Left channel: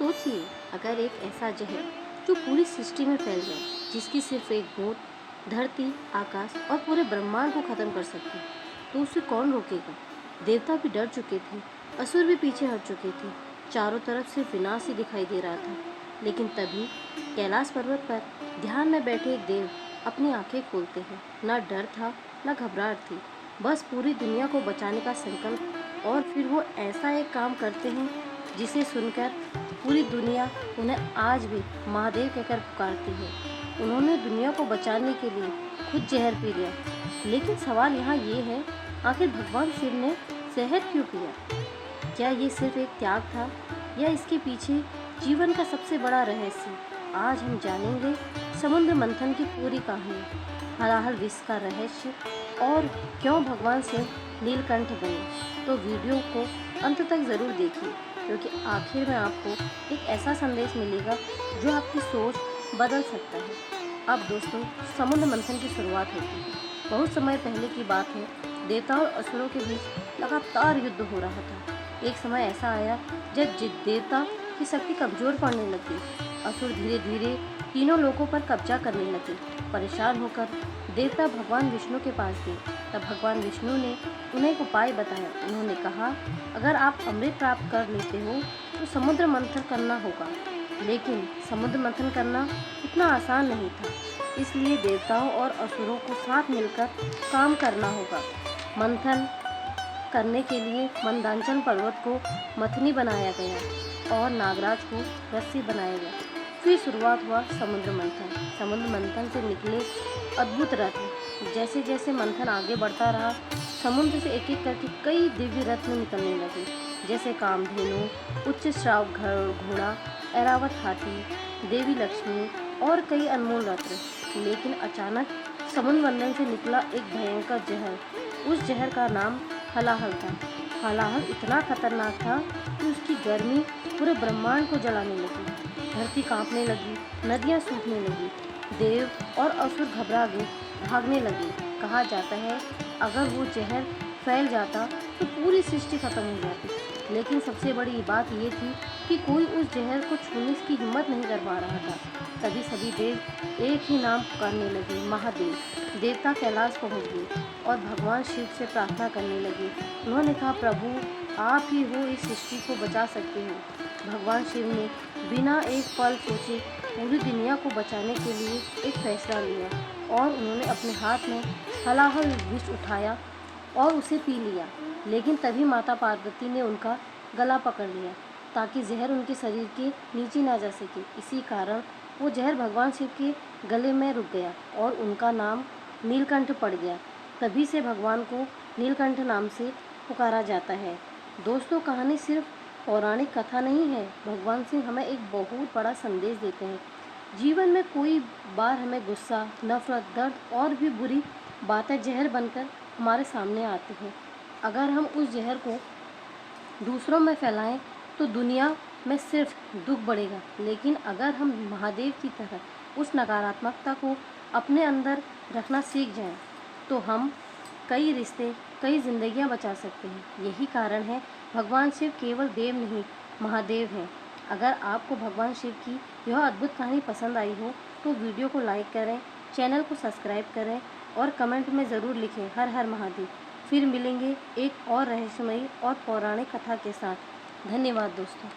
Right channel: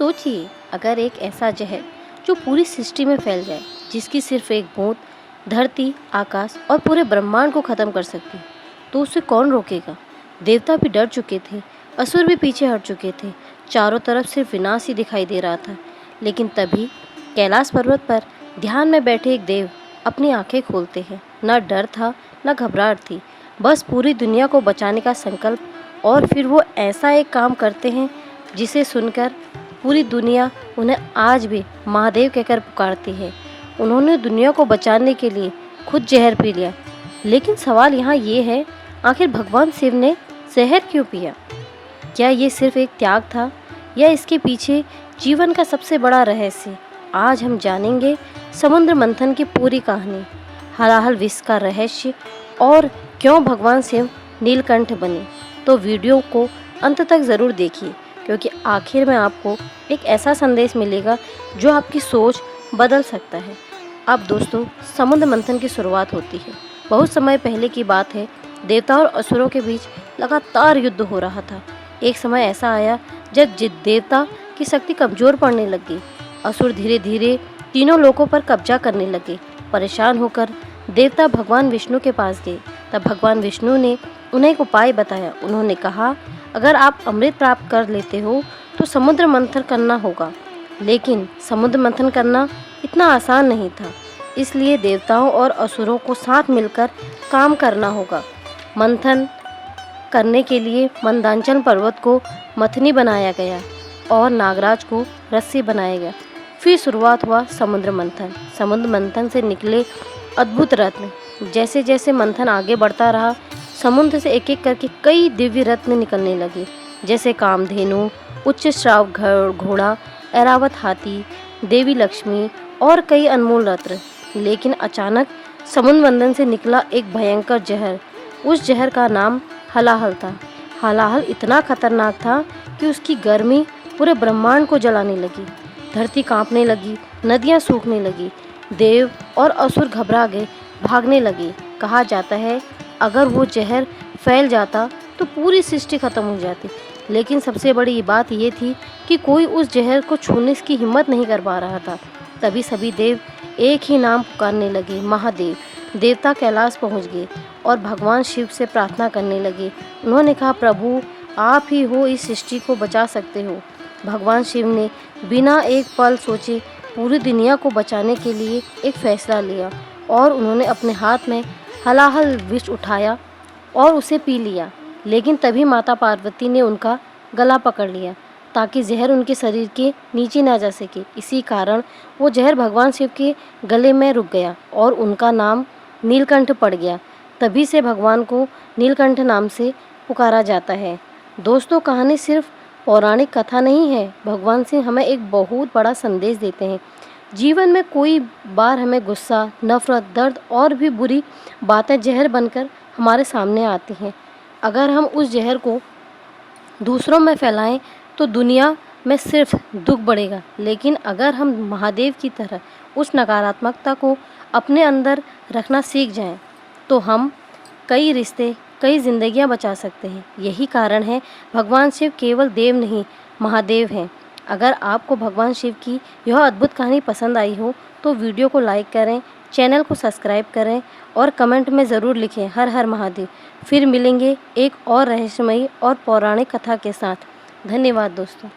सोचिए, अगर एक ऐसा जहर जो पूरी सृष्टि में फैल जाए, जिसकी सिर्फ एक बूंद धरती, आकाश और पूरे ब्रह्मांड को खत्म कर सकती, तो उसे कौन रोकेगा। देवता भी डर चुके थे, असुर भी पीछे हट चुके थे। चारों तरफ सिर्फ विनाश ही दिखाई दे रहा था। लेकिन तभी कैलाश पर्वत पर ध्यान में बैठे एक देव अपनी आंखें खोलते हैं। न डर था, न घबराहट थी, बस पूरी दुनिया को बचाने का संकल्प। और फिर वो ऐसा एक काम करते हैं जिसे सुनकर पूरी दुनिया उन्हें आज भी महादेव कहकर पुकारती है। उन्होंने दुनिया को बचाने के लिए खुद जहर पी लिया। लेकिन सवाल यहाँ ये है, आखिर भगवान शिव ने जहर क्यों पिया? क्या ये सिर्फ एक त्याग था, या इसके पीछे जीवन का सबसे बड़ा रहस्य? आज हम जानेंगे समुद्र मंथन की पूरी कहानी, हलाहल विष का रहस्य, और क्यों भगवान शिव नीलकंठ बने। तो वीडियो को अंत तक ज़रूर देखिए, क्योंकि आखिर में आपको एक ऐसा संदेश मिलेगा जो आपकी सोच बदल सकता है। अब दोस्तों, समुद्र मंथन की शुरुआत होती है। बहुत समय पहले की बात है। देवताओं और असुरों के बीच लगातार युद्ध हो रहा था। एक समय ऐसा आया जब देवता की शक्ति कमजोर पड़ने लगी। असुर धीरे धीरे तीनों लोकों पर कब्जा करने लगे। परेशान होकर देवता भगवान विष्णु के पास गए। तब भगवान विष्णु ने उन्हें एक उपाय बताया। उन्होंने कहा, अगर आप अमृत प्राप्त कर लेते हो तो समुद्र मंथन करना होगा। लेकिन समुद्र मंथन करना इतना आसान नहीं था, इसलिए देवताओं और असुरों को साथ मिलकर काम करना होगा। मंथन करने के लिए मंदांचल पर्वत को मथनी बनाया गया और नागराज को रस्सी बनाया गया। फिर शुरुआत हुआ समुद्र मंथन। समुद्र मंथन से निकले अद्भुत रत्न। जैसे जैसे मंथन आगे बढ़ता रहा, समुद्र से एक एक करके कई दिव्य रत्न निकलने लगे, जैसे कामधेनु, उच्च श्राव घोड़ा, ऐरावत हाथी, देवी लक्ष्मी और कई अनमोल रत्न। लेकिन अचानक समुद्र मंथन से निकला एक भयंकर जहर। उस जहर का नाम हलाहल था। हलाहल इतना खतरनाक था कि उसकी गर्मी पूरे ब्रह्मांड को जलाने लगी। धरती कांपने लगी, नदियां सूखने लगी, देव और असुर घबरा गए, भागने लगे। कहा जाता है, अगर वो जहर फैल जाता तो पूरी सृष्टि खत्म हो जाती। लेकिन सबसे बड़ी बात ये थी कि कोई उस जहर को छूने की हिम्मत नहीं कर पा रहा था। तभी सभी देव एक ही नाम पुकारने लगे, महादेव। देवता कैलाश पहुंच गए और भगवान शिव से प्रार्थना करने लगे। उन्होंने कहा, प्रभु आप ही हो, इस सृष्टि को बचा सकते हो। भगवान शिव ने बिना एक पल सोचे पूरी दुनिया को बचाने के लिए एक फैसला लिया, और उन्होंने अपने हाथ में हलाहल विष उठाया और उसे पी लिया। लेकिन तभी माता पार्वती ने उनका गला पकड़ लिया ताकि जहर उनके शरीर के नीचे ना जा सके। इसी कारण वो जहर भगवान शिव के गले में रुक गया और उनका नाम नीलकंठ पड़ गया। तभी से भगवान को नीलकंठ नाम से पुकारा जाता है। दोस्तों, कहानी सिर्फ पौराणिक कथा नहीं है। भगवान शिव हमें एक बहुत बड़ा संदेश देते हैं। जीवन में कोई बार हमें गुस्सा, नफरत, दर्द और भी बुरी बातें जहर बनकर हमारे सामने आती हैं। अगर हम उस जहर को दूसरों में फैलाएं तो दुनिया में सिर्फ दुख बढ़ेगा। लेकिन अगर हम महादेव की तरह उस नकारात्मकता को अपने अंदर रखना सीख जाएं, तो हम कई रिश्ते, कई जिंदगियां बचा सकते हैं। यही कारण है भगवान शिव केवल देव नहीं, महादेव हैं। अगर आपको भगवान शिव की यह अद्भुत कहानी पसंद आई हो तो वीडियो को लाइक करें, चैनल को सब्सक्राइब करें और कमेंट में ज़रूर लिखें, हर हर महादेव। फिर मिलेंगे एक और रहस्यमयी और पौराणिक कथा के साथ। धन्यवाद दोस्तों।